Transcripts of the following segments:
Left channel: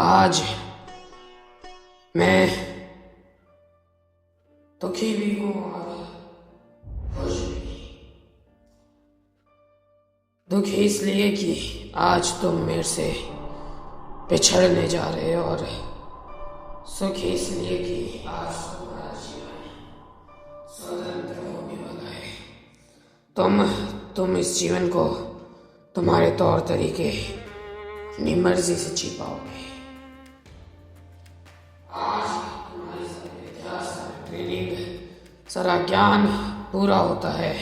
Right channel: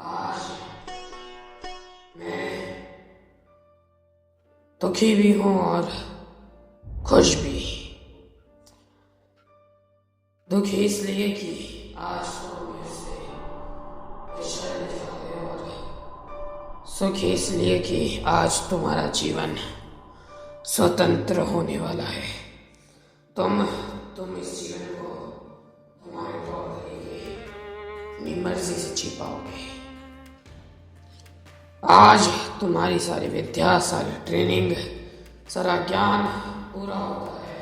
आज मैं दुखी भी हूँ और खुश भी। दुखी इसलिए कि आज तुम मेरे से पिछड़ने जा रहे हो, और सुखी इसलिए कि आज तुम्हारा जीवन स्वतंत्र होने वाला है। तुम इस जीवन को तुम्हारे तौर तरीके अपनी मर्जी से जी पाओगे। आज तुम्हारी सारी विद्या, सारी ट्रेनिंग, सारा ज्ञान पूरा होता है।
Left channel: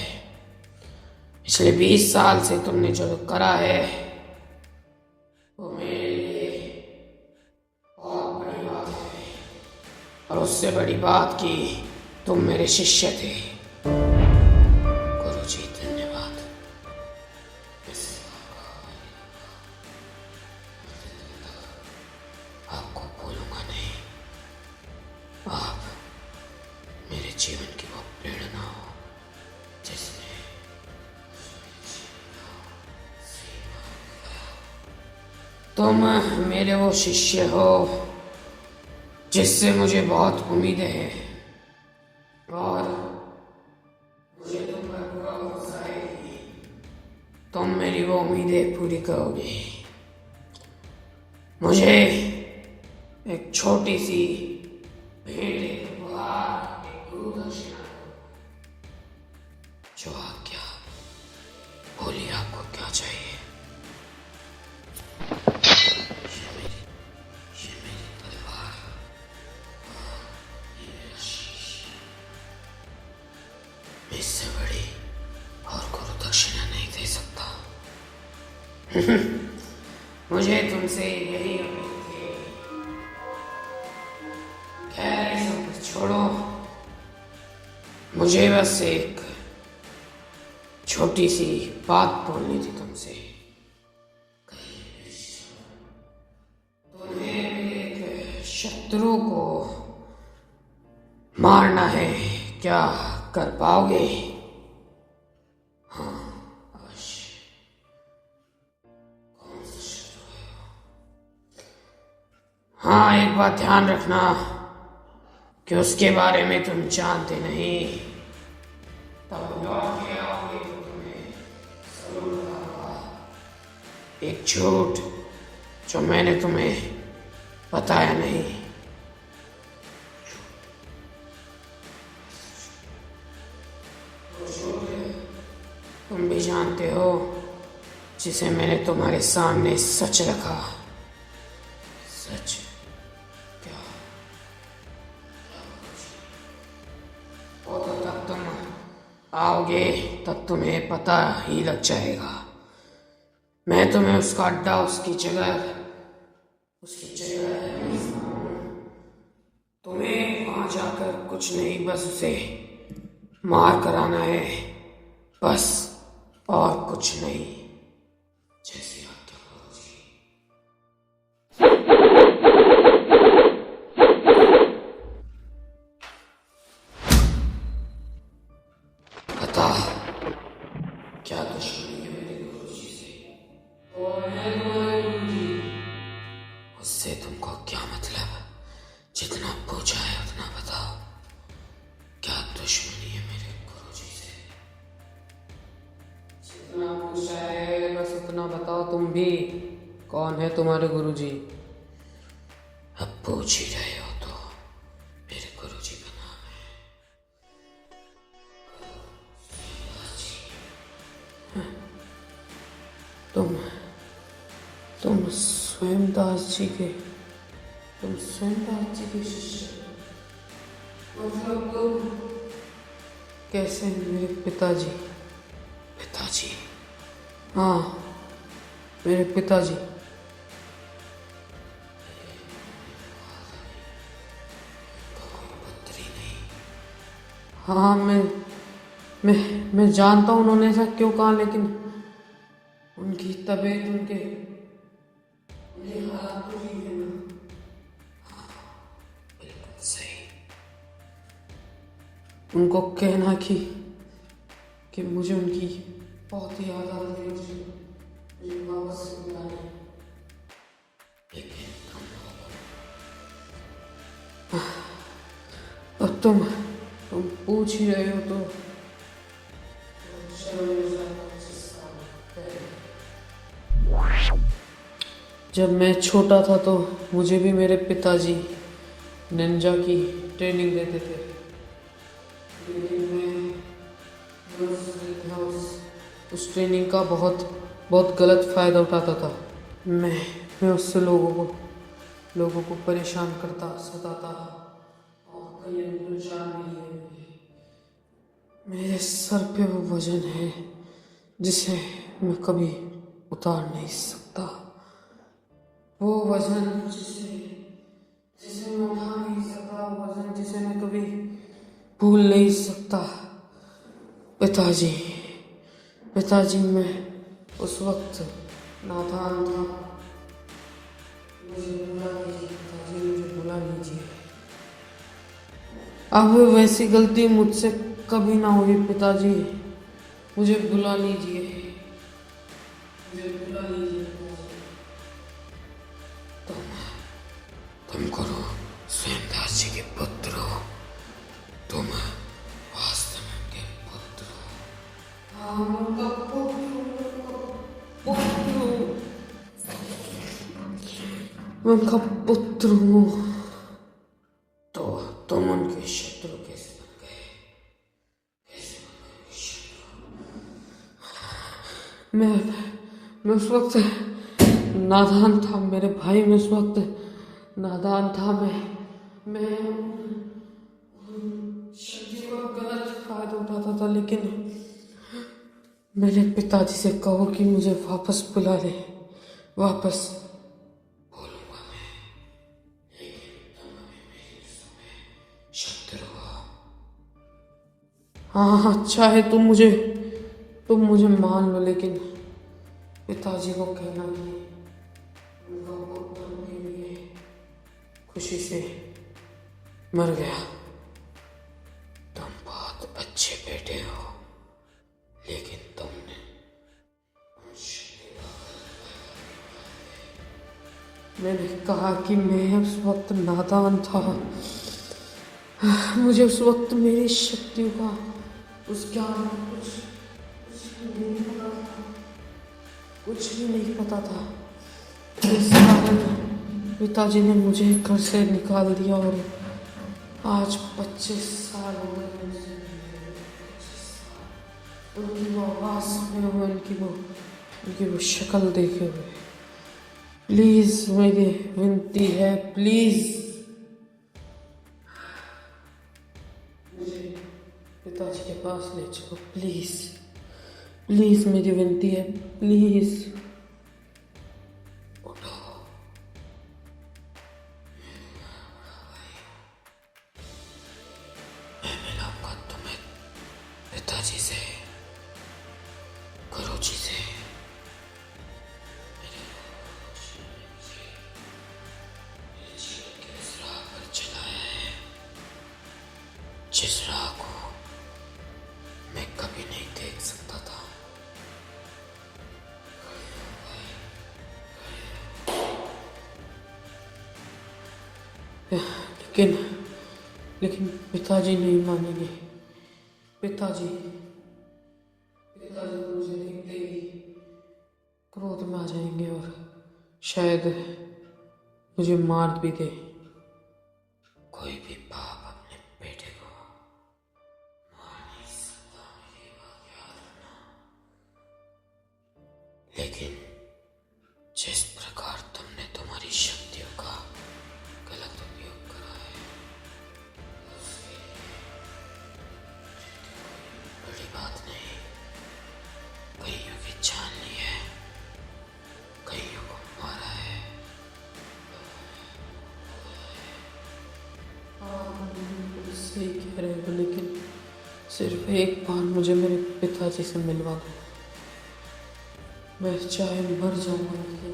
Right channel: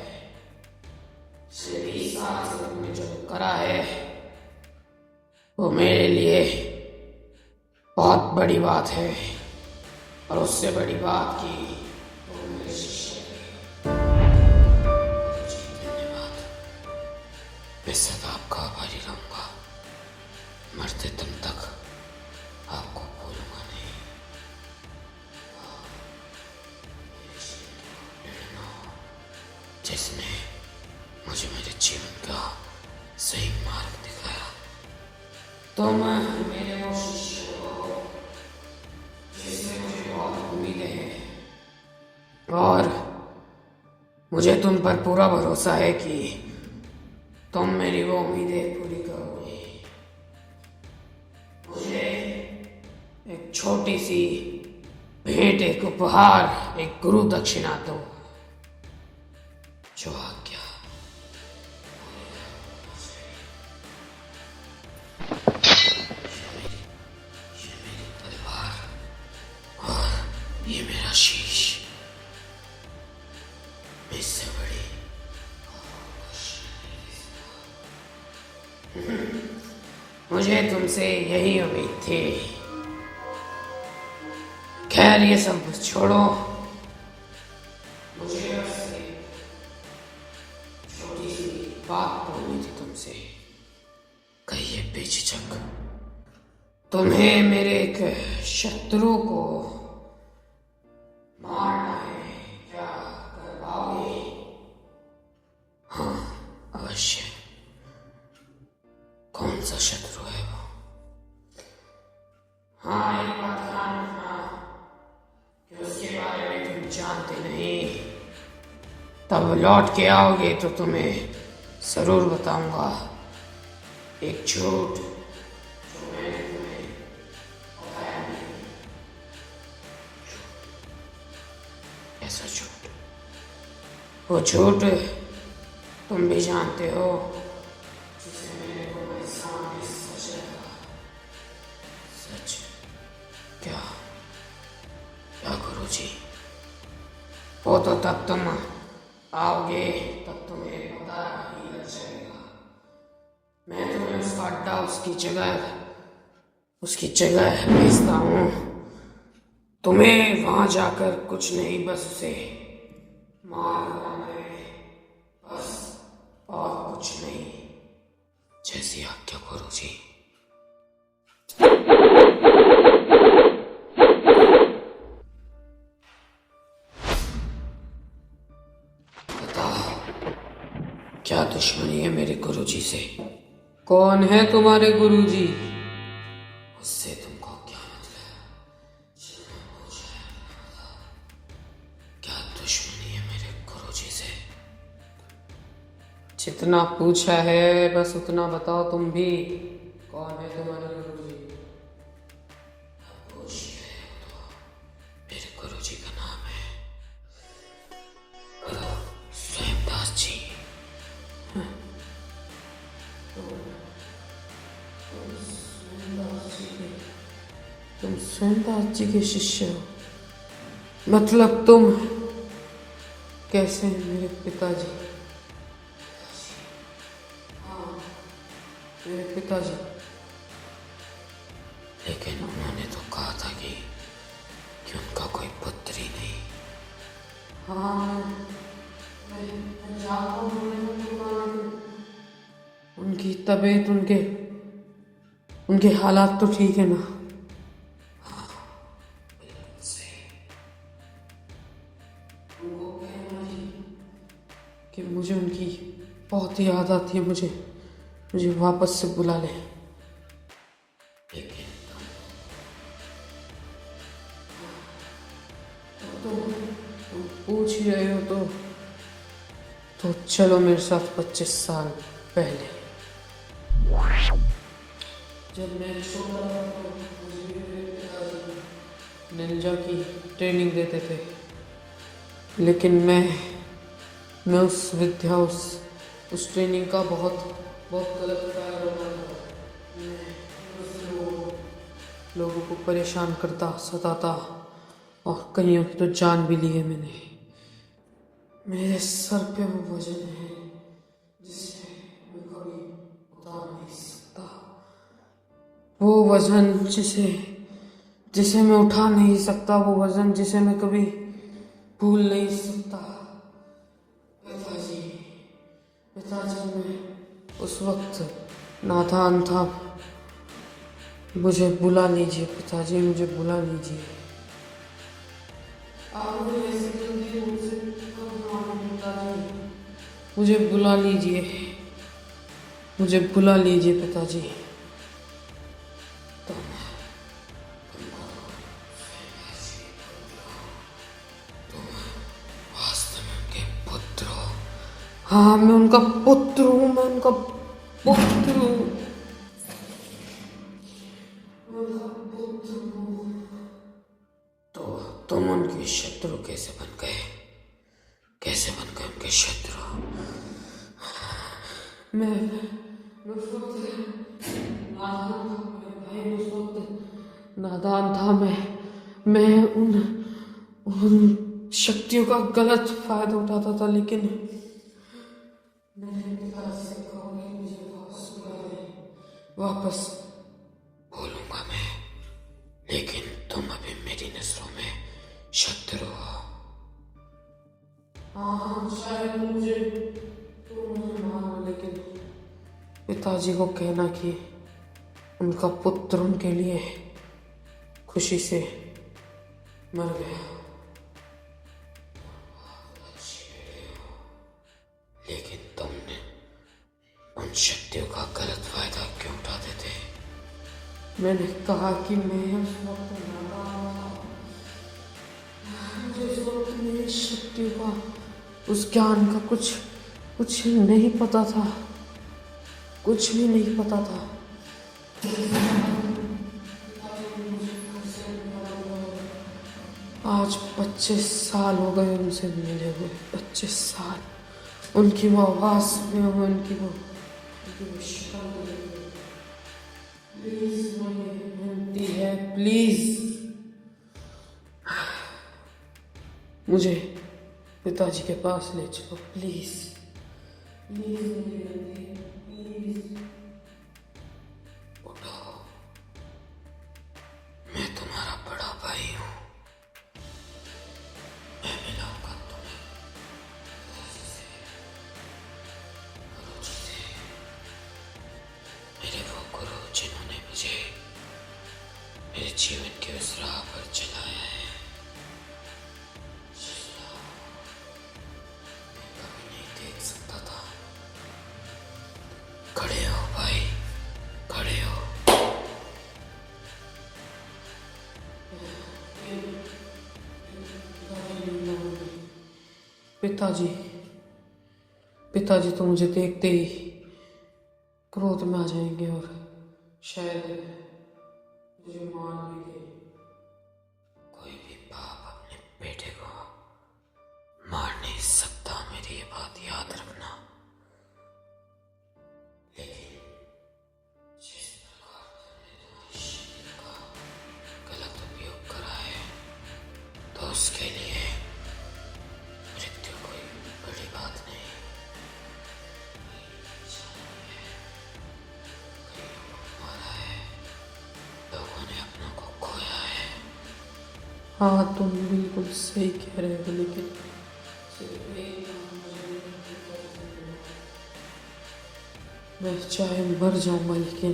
पिछले 20 साल से तुमने जो करा है वो मेरे लिए बहुत बड़ी बात है, और उससे बड़ी बात कि तुम मेरे शिष्य थे। गुरुजी धन्यवाद। मैं सदा आपका आभारी रहूंगा। मरते दम तक आपको भूलूंगा नहीं। आप मेरे जीवन की वो प्रेरणा हो जिसने मुझे मेरे जीवन का सही मार्ग दिखाया। तुम मेरे वो शिष्य हो जिससे मुझे बहुत उम्मीदें हैं, और मुझे तुम पर पूरा भरोसा है कि तुम मेरी वो उम्मीदें पूरी करोगे। मुझे एक छोटी सी भेंट, एक उपहार, एक गुरु दक्षिणा दो। जो आज्ञा, बोलिए आपको क्या चाहिए। ये मेरी तलवार और ये मेरा शीश। मैं इससे बड़ी और गुरु दक्षिणा नहीं दे सकता। मुझे तुमसे यही उम्मीद थी। खैर, ये सब छोड़ो। मुझे बस एक छोटी सी बात बोलनी थी तुमसे। कहिए बेझिझक। तुम्हें मेरे एक शत्रु को मारना है, क्या कर पाओगे? हाँ, अवश्य। कौन सा शत्रु है वो? हाँ, एक बात ध्यान रखना कि उसके बारे में तुम जानते नहीं। तब लौट के आओगे तो तुम्हें जरूर बताऊंगा एक झूठ जो मैंने तुम्हें बताया नहीं। ऐसा झूठ, वो झूठ तुम भी जानते हो, जिसे मैंने तुम्हारे सामने सच रखा। सच? क्या गुरुजी? वो तो तब तुम आओगे तब तुम्हें पता ही लग जाएगा। मैं तुम्हें उसका अड्डा, उसकी जगह भेजता हूँ। तुम्हें वहां जाकर कुछ नहीं, बस उसे मार कर आना है, बस, और कुछ नहीं। जैसी आज्ञा गुरुजी। बता, क्या दुश्मनी है मेरे गुरुजी से? कौन है तुम्हारे गुरुजी? उससे तुमको क्या मतलब? जितना पूछा है उतना बताओ। क्या दुश्मनी है मेरे गुरुजी से? जितना पूछा है बस उतना बताओ तुम भी। कौन है तुम्हारे गुरुजी? अब पूछ ही रहे हो तो मेरे गुरुजी का नाम है स्वयंदास जी। तुम स्वयंदास जी के शिष्य हो? मतलब तुम कैसे मेरे पिताजी? पिताजी? हाँ, मेरे पिताजी। लेकिन उन्होंने तो कहा था कि उनका कोई पुत्र ही नहीं। हाँ, मैं जानता हूँ उन्होंने ऐसा क्यों कहा, लेकिन उनकी तबीयत, उनके हालात तो ठीक है ना? हाँ, बिल्कुल सही। उनको कहना कि मुझे उनकी बहुत याद आती है, मुझे वापस से बुला ले। लेकिन तुम लोग तुम पूछ ही रहे हो तो चलो मेरे साथ 25 साल पहले। जब मैं छोटा था तो मुझे भी मेरे पिताजी निंजा की ट्रेनिंग देते थे, लेकिन मैं उस ट्रेनिंग का बहुत बहुत गलत फ़ायदा उठाता था। मैं उससे लोगों को परेशान करता, सताता और कईयों की तो जान भी ली है मैंने। मेरे सर पे वो वजन है जिसे मैं कभी उतार नहीं सकता। वो वजन जिसे मैं उठा नहीं सकता, वो वजन जिसे मैं कभी भूल नहीं सकता। पिताजी पिताजी, मैं उस वक्त नादान था। मुझे बुला लीजिए पिताजी, मुझे बुला लीजिए। अब वैसी गलती मुझसे कभी ना होगी पिताजी। मुझे बुला लीजिए, मुझे बुला लीजिए पिताजी। तुम करो स्वयंदास जी के पुत्र हो। तुम वास्तव में उनके पुत्र हो। हाँ, मैं उनका पुत्र हूँ, मैं उनका पुत्र हूँ, मैं उनका पुत्र हूँ। तो तुम उनके शत्रु कैसे बन गए? कैसे बन गए उनके शत्रु? मैं उस वक्त नादान था मेरे भाई, मैं उस वक्त नादान था। मैं उन शक्तियों का गलत फायदा उठाता था, लेकिन मैंने पिताजी से कहो कि मुझे वापस बुला ले, वापस। बोलूंगा मैं, लेकिन तुम अभी मेरी नजरों में शत्रु हो। हाँ, चाहे तुम मुझे मान लो, लेकिन पिताजी को कहना कि उनका पुत्र उनके लिए खुशी से मर गया। तुम बहुत अच्छे बेटे हो, लेकिन तुमने उन शक्तियों का गलत फायदा क्यों उठाते थे? मैंने कहा कि मैं उस वक्त नादान था। मुझे उस वक्त मेरी शक्तियों का, उस ज्ञान का कुछ नहीं पता था, कुछ भी नहीं पता था। इस कारण पिताजी ने मुझे घर से निकाल दिया और आज 25 साल हो गए उनसे मिले हुए। 25 साल उनकी वो आवाज़ सुने हुए, उनकी वो शक्ल देखे हुए। प्लीज़ मेरी विनती है, प्लीज़ मुझे पिताजी के पास ले चलो, प्लीज़ प्लीज़, मेरी विनती है, प्लीज़। उठो, मैं तुम्हारा बड़ा भाई हूँ। मैं मिलाऊंगा तुम्हें पिताजी से, गुरुजी से। मेरे वो गुरु जिन्होंने मुझे मेरे जीवन के उस राह पर चलाया है, जिस राह को मैं कभी नहीं देख सकता था। खड़े हो भाई, खड़े हो। लेकिन पिताजी नहीं मानेंगे। पिताजी तो मुझे देखते ही क्रोध में आ जाएंगे और शायद मुझे मार भी दे। कोई भी बाप अपने बेटे को मार नहीं सकता, मेरी ये बात याद रखना। लेकिन जिस प्रकार तुमने तुम्हारी शक्तियों का गलत उपयोग करा है, तो उसके लिए मृत्यु कोई बड़ी बात नहीं। कईयों की जान ली है, कईयों को मारा है, लोगों ने अपनों को खोया है। हाँ, तुम बिल्कुल सही कह रहे हो, लेकिन सिर्फ एक बार मुझे मेरे पिताजी से मिलवा दो। मैं चाहे मर जाऊंगा, लेकिन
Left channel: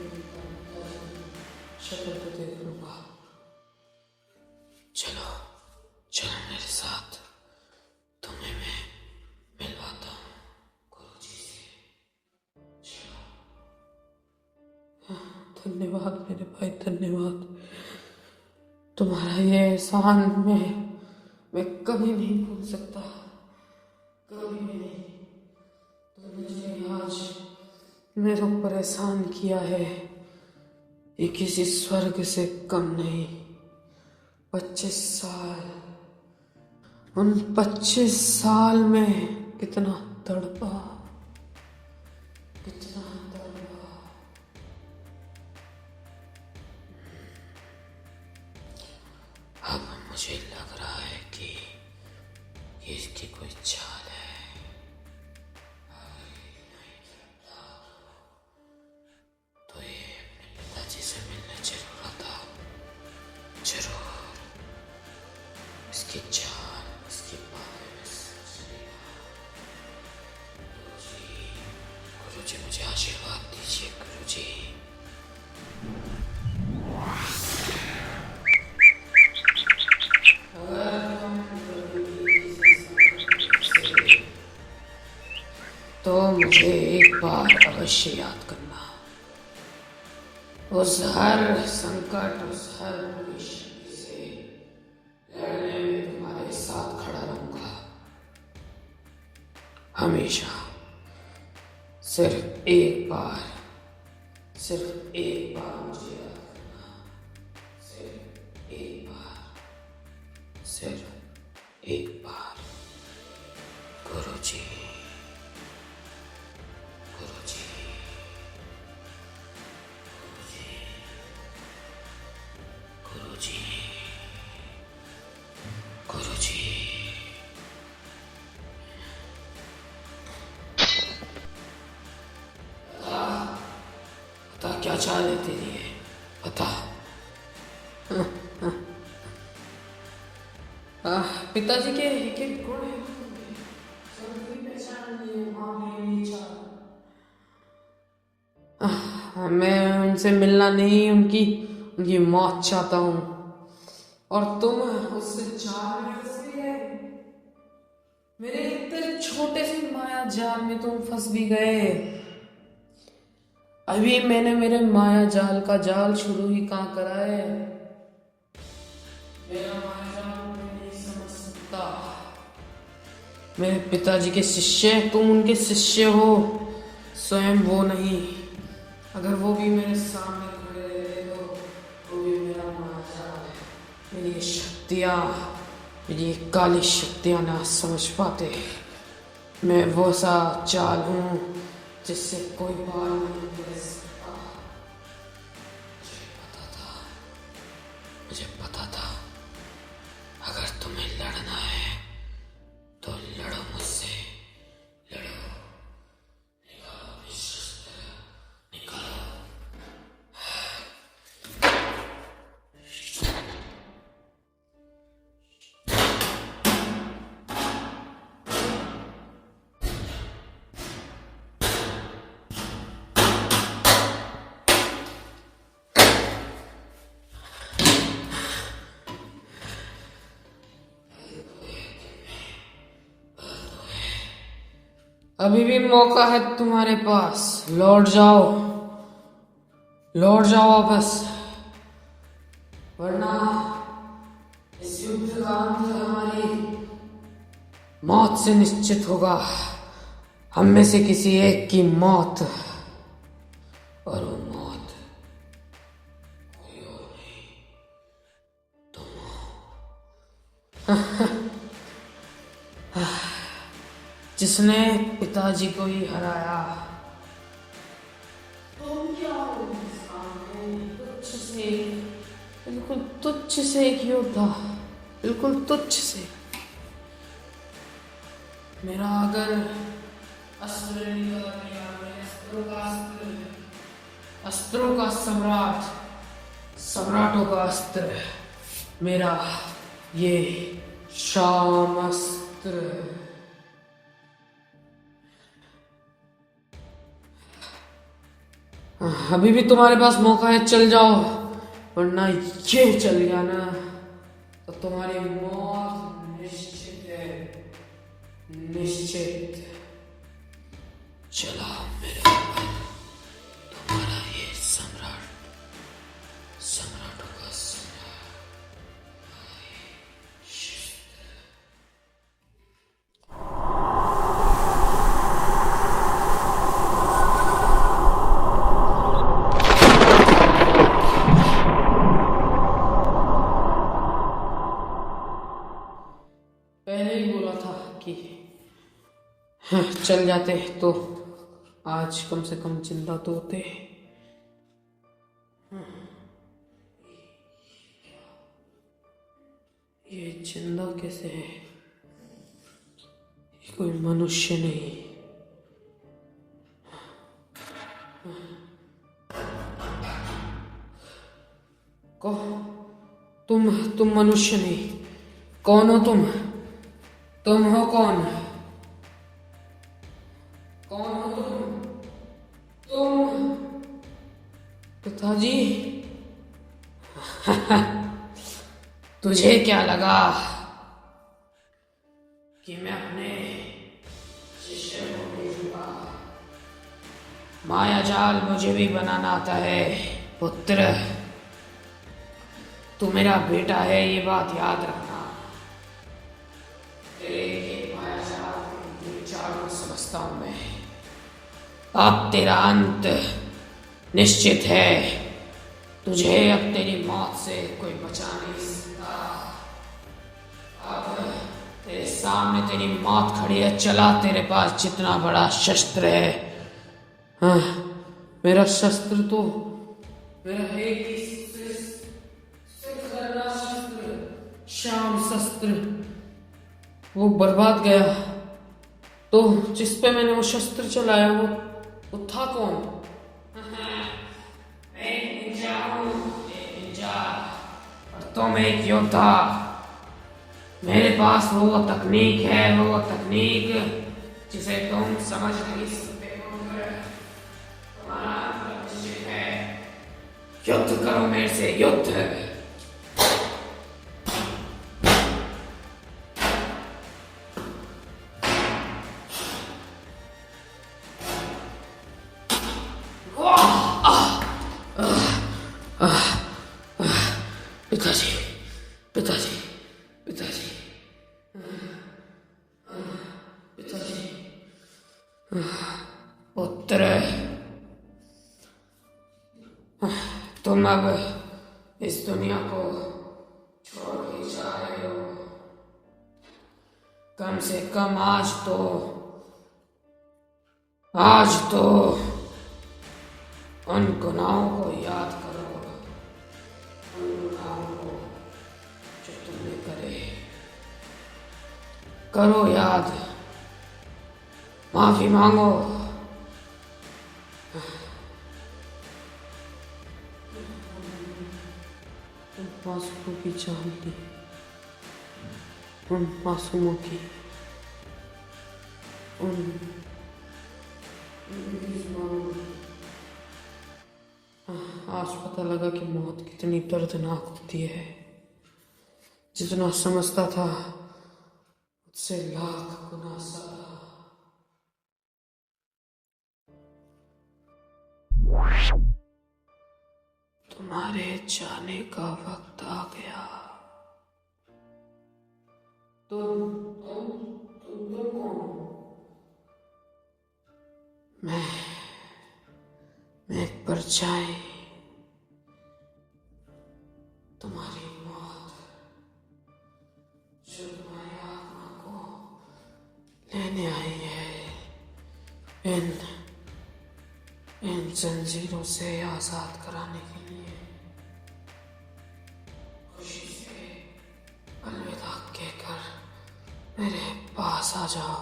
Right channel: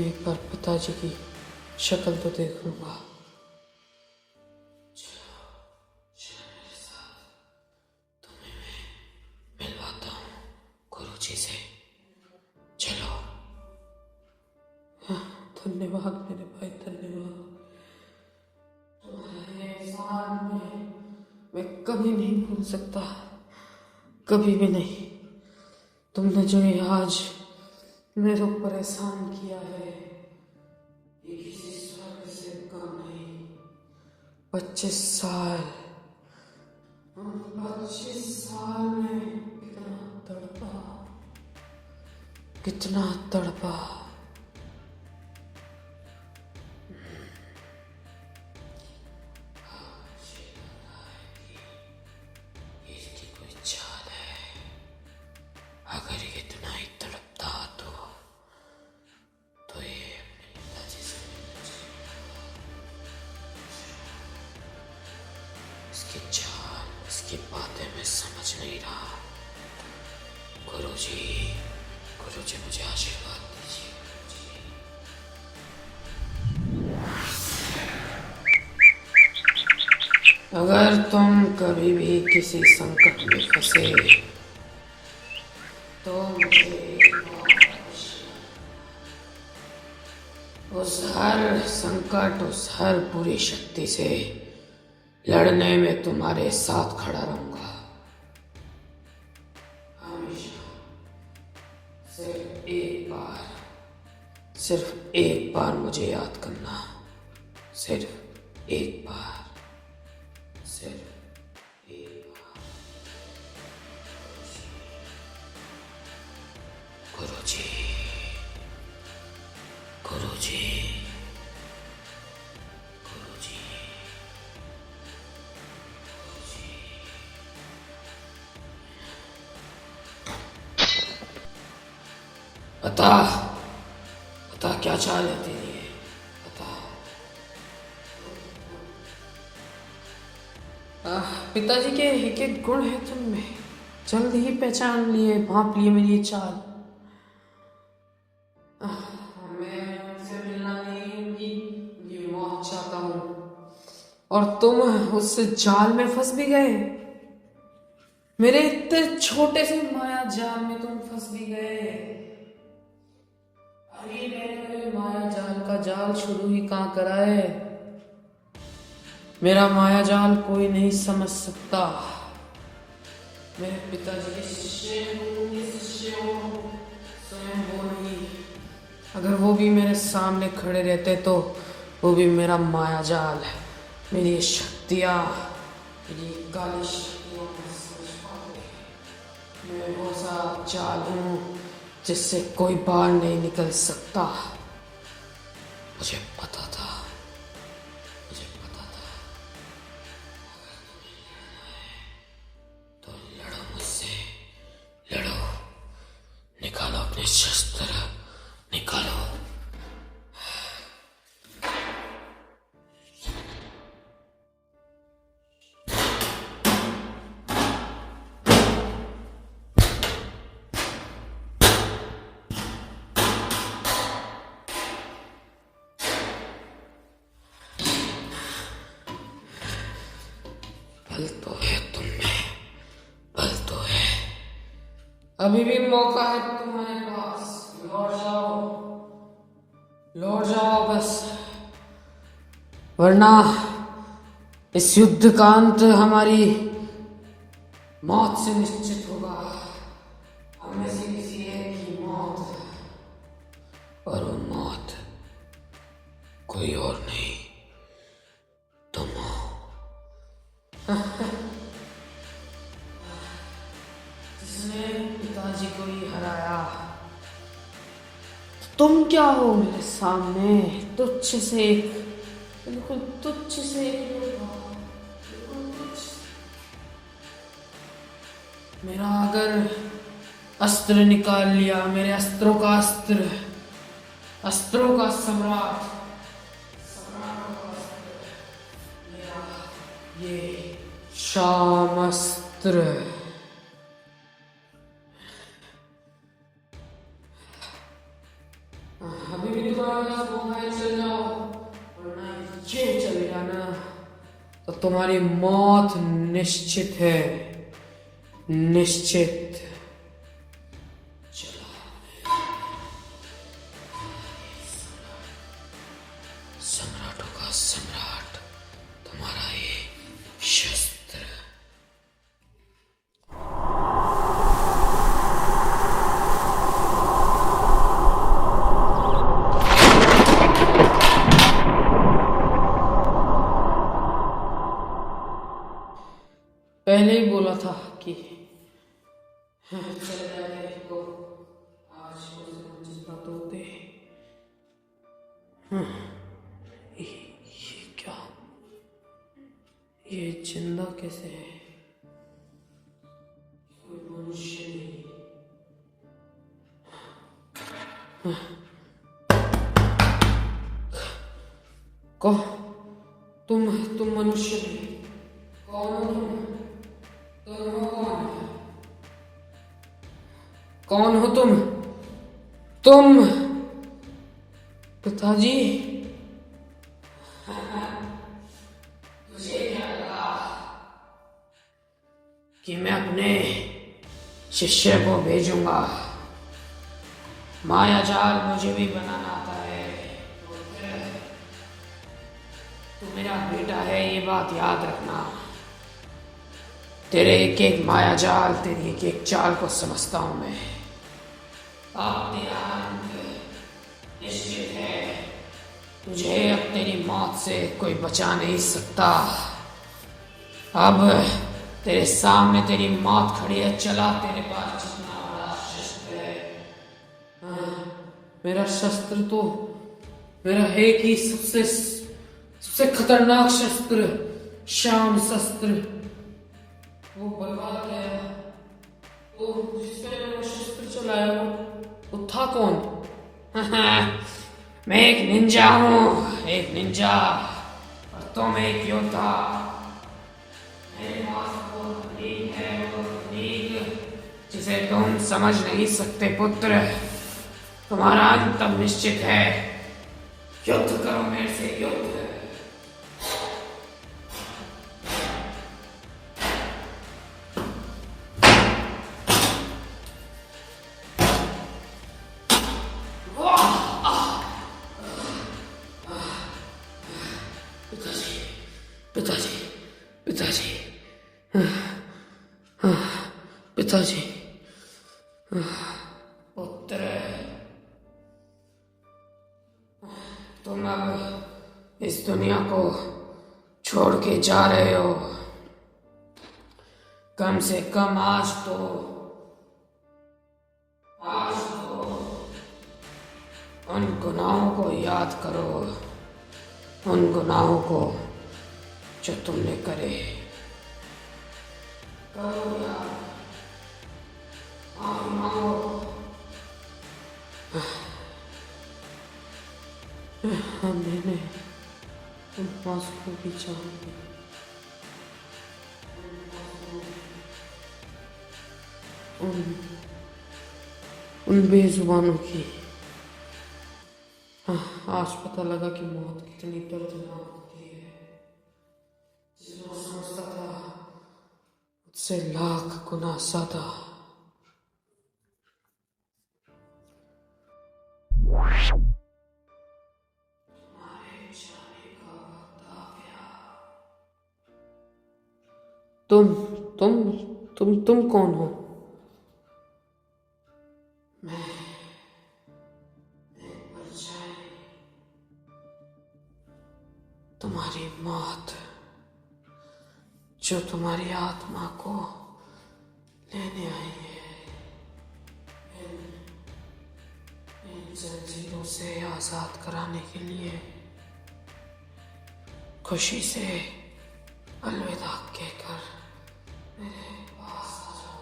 एक बार पिताजी की शक्ल तो देख लूंगा। चलो चलो मेरे साथ, तुम्हें मैं मिलवाता हूँ गुरुजी से। चलो। धन्यवाद मेरे भाई, धन्यवाद। तुम्हारा ये एहसान मैं कभी नहीं भूल सकता, कभी भी नहीं। तुमने जो ये आज मेरे ऊपर एहसान किया है, ये किसी स्वर्ग से कम नहीं। 25 साल, उन 25 साल में कितना तड़पा, कितना तड़पा। अब मुझे लग रहा है कि ये इसकी कोई चाल है। अगर ये इतना ही तड़पता तो ये अपने पिताजी से मिलने जरूर आता, जरूर। इसकी चाल, इसकी बातें मैं समझ नहीं रहा। गुरुजी, गुरुजी मुझे आशीर्वाद दीजिए गुरुजी। अगर तुम कभी भी किसी संकट में फंसे तो मुझे एक बार अवश्य याद करना। उस हर संकट, उस हर बुरी शक्ति से लड़ने में तुम्हारे साथ खड़ा रहूंगा हमेशा। सिर्फ एक बार मुझे याद करना, सिर्फ एक बार, सिर्फ एक बार। गुरुजी, गुरुजी, गुरुजी, गुरुजी, गुरुजी। बता क्या चाल है तेरी है, बता। पिताजी के एक एक गुण है तुम में, जल्द ही पहचान लिए, भांप लिए मेरी ये चाल। मैं उनसे मिलना नहीं, उनकी मौत चाहता हूँ। और तुम उस जाल में फंस भी गए। मेरे इतने छोटे से माया जाल में तुम फंस भी गए। अभी मैंने मेरे माया जाल का जाल शुरू ही कहाँ करा है। मेरा माया जाल कोई नहीं समझ सकता। मेरे पिताजी के शिष्य, तुम उनके शिष्य हो, स्वयं वो नहीं। अगर वो भी मेरे सामने खड़े रहते तो वो भी मेरा माया जाल, मेरी शक्तियाँ, मेरी काली शक्तियाँ ना समझ पाते। मैं वो सा चाल हूँ जिससे कोई बाहर नहीं निकल सकता। मुझे पता था, मुझे पता था। अगर तुम्हें लड़ना है तो लड़ो मुझसे, लड़ो। निकालो अपने शस्त्र, निकालो। बल तो है तुम में, बल तो है। अभी भी मौका है तुम्हारे पास, लौट जाओ, लौट जाओ वापस, वरना इस युद्ध का अंत हमारी मौत से निश्चित होगा। हम में से किसी एक की मौत, और वो मौत कोई और नहीं, तुम हो। जिसने पिताजी को ही हराया। तुम क्या हो मेरे सामने? तुच्छ से एक, बिल्कुल तुच्छ से एक योद्धा, बिल्कुल तुच्छ से। मेरा अगर अस्त्र निकाल लिया, मेरे अस्त्रों का अस्त्र, अस्त्रों का सम्राट, सम्राटों का अस्त्र, मेरा ये शामास्त्र। अभी भी तुम्हारे पास मौका है, चल जाओ, वरना ये चल गया ना तो तुम्हारी मौत निश्चित है, निश्चित। चला मेरे ऊपर तुम्हारा ये सम्राट, सम्राटों का सम्राट, पहले ही बोला था कि चल जाते तो आज कम से कम जिंदा तो होते। ये क्या, ये जिंदा कैसे है? ये कोई मनुष्य नहीं। को तुम मनुष्य नहीं। कौन हो तुम? तुम हो कौन? कौन हो तुम? तुम पिताजी? तुझे क्या लगा कि मैं अपने शिष्य को भेजूंगा? माया जाल मुझे भी बनाना आता है पुत्र। तू मेरा बेटा है, ये बात याद रखना। तेरे एक एक माया जाल, तेरी एक एक चाल को समझता हूं मैं। अब तेरा अंत निश्चित है। तुझे अब तेरी मौत से कोई बचा नहीं सकता। अब तेरे सामने तेरी मौत खड़ी है। चला, तेरे पास जितना बड़ा शस्त्र है। हाँ, मेरा शस्त्र तो मेरा एक ही सबसे खतरनाक शस्त्र, शाम शस्त्र, वो बर्बाद गया। तो जिस पे मैंने वो शस्त्र चलाया वो था कौन? मैं एक निंजा हूँ, एक निंजा, और तुम एक योद्धा। मेरे पास वो तकनीक है, वो तकनीक जिसे तुम समझ नहीं सकते पुत्र। तुम्हारा अंत अब निश्चित है। युद्ध करो मेरे से, युद्ध। पिताजी, पिताजी, पिताजी, पिताजी। पुत्र, तुम अब इस दुनिया को छोड़ के जा रहे हो। कम से कम आज तो उन गुनाहों को याद करो, उन गुनाहों को जो तुमने करे। करो याद, माफी मांगो। मैंने उन मासूमों की जान ली, उन मासूमों की, उन बेजुबानों की। आज पता लगा कि मौत कितनी दर्दनाक होती है। जितना समझता था उससे लाख गुना ज्यादा। तुम्हारे जाने का वक्त आ गया। तुम कौन हो? मैं एक परछाई, तुम्हारी मौत, जो तुम्हारी आत्मा को लेने आई है इन जंजीरों से आजाद कराने के लिए। खुशी से अलविदा कहकर मेरे पास आ जाओ,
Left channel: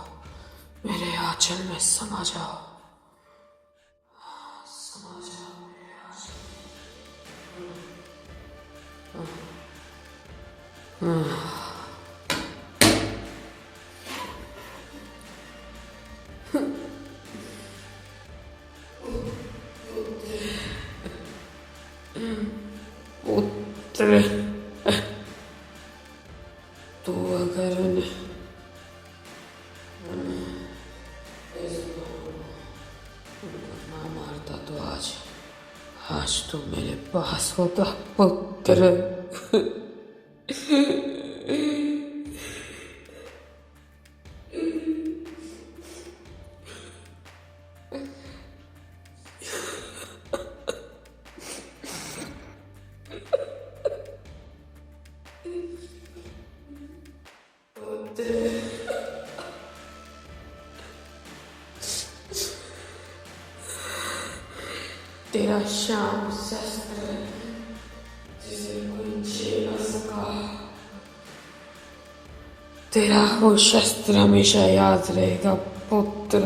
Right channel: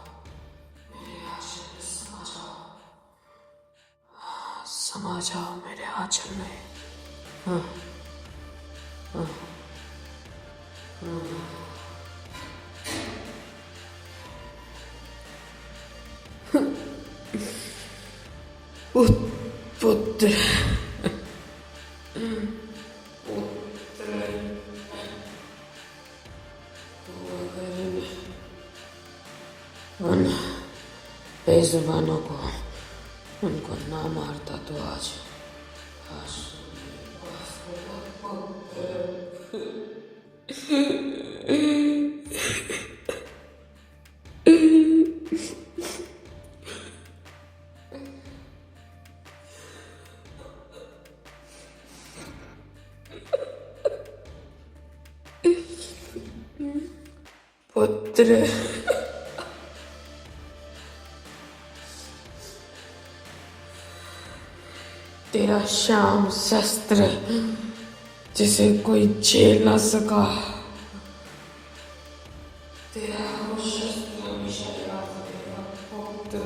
मेरे आंचल में समा जाओ, समा जाओ मेरे आंचल में। हाँ, हाँ, हाँ। पुत्र, पुत्र, तू अगर उन बेजुबानों को उनको ना मारता तो आज तू मेरे पास होता पुत्र। पुत्र, पुत्र। तेरा श्याम शस्त्र जिसे कोई झेल ना सका, तेरा वो शस्त्र हमेशा याद रहेगा पुत्र।